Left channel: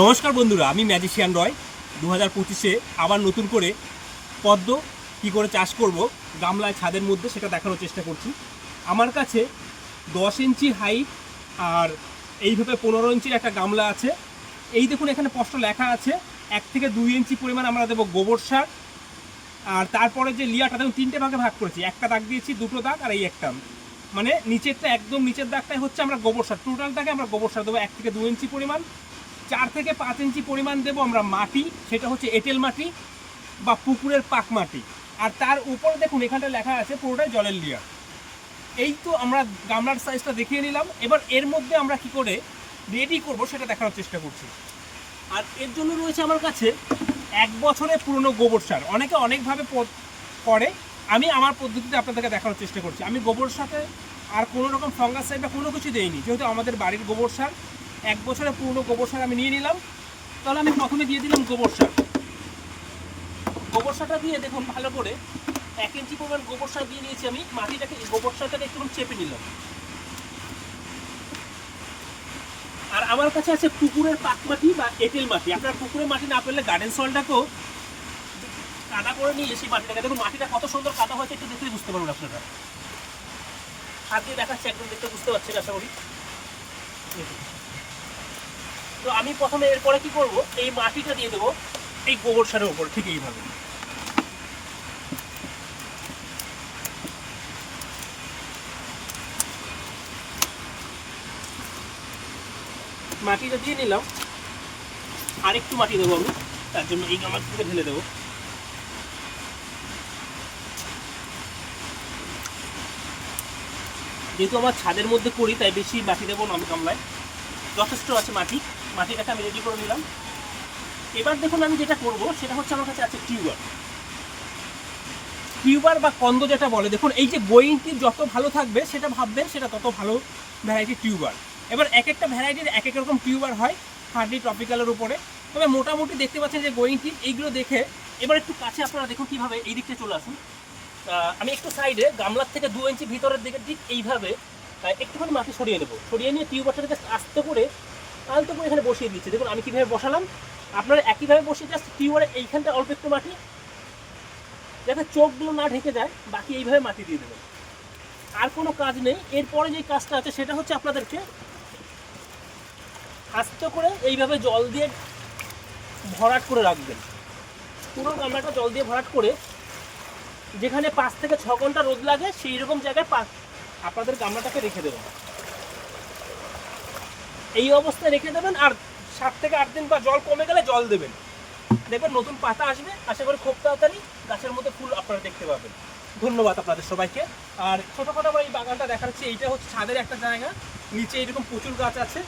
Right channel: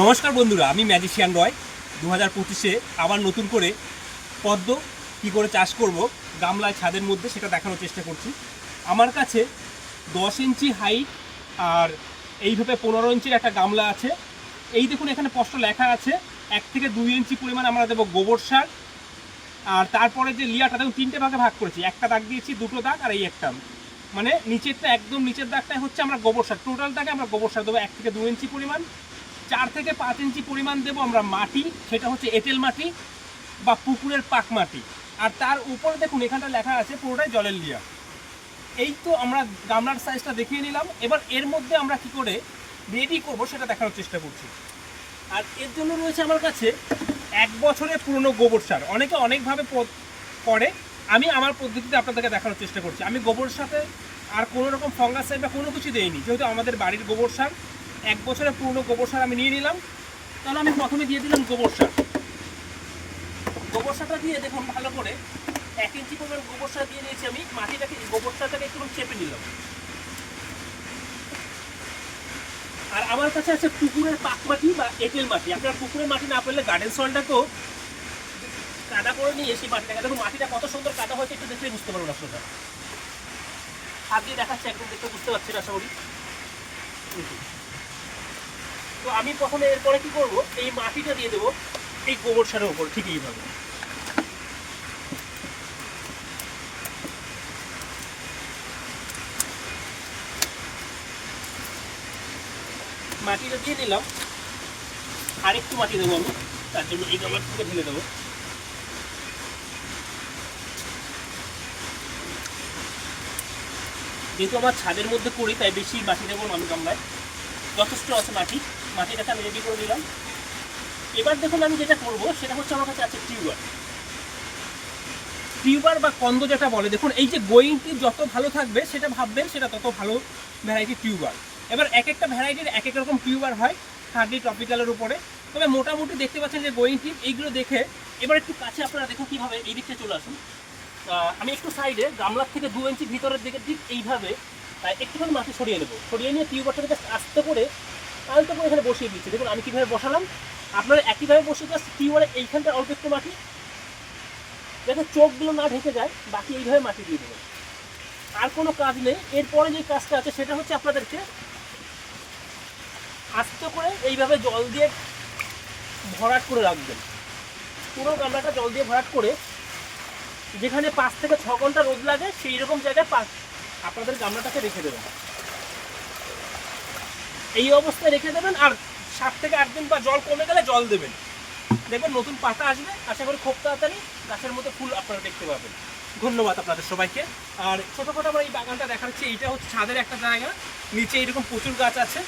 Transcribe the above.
নমস্কার বন্ধুরা, আমি ম্যাজিশিয়ান রয়। 2025-এ আবার নতুন করে পদ্ম কী করে চাষ করব গামলায় ছাদের মধ্যে সেটা দেখানোর চেষ্টা করছি। আমার কাছে 10 ইঞ্চি হাইট আর এইভাবে 15 ইঞ্চির একটা গামলা আছে। এই দেখুন এখানে স্পষ্ট লেখা আছে 1 থেকে 2 ইঞ্চি পরিমাণ আমরা দেবো গোবর সার। আর তারপরে যে লেয়ারটা দেখুন 3টে ভাগে ভাগ করেছি, একটা দাগ দিয়েছি, 2টো দাগ আর এই একটা, মানে নিচেরটা একদম নিচের দাগটাই হচ্ছে আমরা গোবর সার। টোটালটাকে আমরা গোবর সার দেবো 1 থেকে 2 ইঞ্চি পরিমাণ। 4 থেকে 5 ইঞ্চি পরিমাণ দেবো আমরা মাটি, সেটা হচ্ছে এঁটেল মাটি বা পুকুরের পাক মাটি। আর তার উপরে দেখুন এখানটা লেখা আছে পুরোটাই জলের লেয়ার। এই তো আমরা গামলার সাইজটা দেখিয়ে নিলাম। এবার এর মধ্যে আমরা কি করে রেডি করব সেটা দেখানোর চেষ্টা করছি। আর এর জন্য রয়েছে আমার কাছে 1 বছরের পুরনো গোবর সার। অনেকে অনেকভাবে করে, আমি আমার পদ্ধতিতে আপনাদেরকে দেখানোর চেষ্টা করছি। আমি গোবর সাথে আর কোনো রকম ফাঙ্গাসাইড বা কোনো কিছু দেইনি, যেহেতু আমাদের বাড়ির গোবর সার। 1 বছরের পুরনো গোবর সার আমি নিয়ে নিলাম। তাহলে আমি প্রথমে দিয়ে দিলাম গোবর সার। গোবর সারটা দিয়ে দেখুন ভালো করে 1 ইঞ্চি পরিমাণ গোবর সার দিয়ে দিয়েছি আমি। মাটিটাকে গোবর সারটাকে একটু চেপে নিলাম। আর আমার কাছে আছে পুকুরের পাক মাটি বা এঁটেল মাটি। আপনার পুকুরের মাটি না পেলে গার্ডেন সয়েলটাকেও কাদা করে নিয়ে সেই মাটিটাকে দেখুন, মাটিটা কত সুন্দর কাদা হয়েছে একটু দেখলেই বুঝতে পারবেন আপনারা। আগে দেখাচ্ছে, একদম দেখতে বুঝতে পারছেন আশা করি। তো আমি প্রথমে এরপরে কি করব, এই মাটিটা দিয়ে দেবো এই গোবর সারের উপর, ঠিক এইভাবে। মাটিটা দিয়ে নিলাম। আর একটু মাটি দেবো আমি, তার জন্য এই গামলা থেকে ঢেলে দেবো। যেহেতু আমার ছাদের মধ্যে করি তাই বেশি মাটি দেবো না আমি গামলায়, যথেষ্ট আছে মাটি। মাটিটাকে আমি রেডি করে নিলাম। এবার দেখুন আমি যেটা করব সেটা হচ্ছে আমার কাছে আছে টিউবার বা কন্দ যেটা বলে। দেখুন এই যে গোয়িং টিপ যত ভালো থাকবে সেটা ভাববেন সেটা তত ভালো ভ্যারাইটি টিউবার। এবার এক একটা ভ্যারাইটির এক এক রকম টিউবার হয় হার্ডলি টপিক্যালের উপরে। তবে মোটামুটি দেখতে পাচ্ছেন যে গোয়িং টিপ এইগুলো দেখে এবার একটু কাছে আপনারা দেখুন কীভাবে এই দিকটা চলে আসুন। আমি একটু সাইডে গামলার থেকে 2 ইঞ্চি ভিতরের দিকে ঠিক এইভাবে একটুখানি মাটি সরিয়ে নেবো। সরিয়ে নিয়ে টিউবারটাকে জাস্ট আস্তে করে আলতো করে এখানে বসিয়ে দিচ্ছি। দেখুন আমি কীভাবে বসালাম, আপনারা একইভাবে বসিয়ে জাস্ট টিউবারে এইখানটা অল্প একটু মাটি, যাতে চোখগুলো না ঢেকে যায়, বাকি এইভাবে মাটি দিয়ে দেবেন। আর কোনো কাজ নেই। এরপরে যে কাজটা আছে সেটা হচ্ছে আপনাদেরকে আস্তে করে এইভাবে জল দিয়ে ভরাট করে রাখবেন। পুরো গামলাটা জল দিয়ে ভরাট করে যেখানে 5 থেকে 6 ঘন্টা রোদ লাগে সেই রকম জায়গায় আপনাদের গামলাটাকে রেখে দেবেন। এই অবস্থায় রেখে দেবেন। আর 7 থেকে 8 দিন বা জল কমে গেলে জল দেবেন। দেখবেন নতুন পাতা আসবে, আশা করি খুব তাড়াতাড়ি গাছের মধ্যে ফুল আপনারা দেখতে পাবেন। ধন্যবাদ আপনাদের সবাইকে। আর ছোটোখাটো আমরা এই বাগানটা দেখাচ্ছি, এইটা হচ্ছে ছাদের একটা জায়গা, নিচে এরকম প্রচুর গাছ আছে।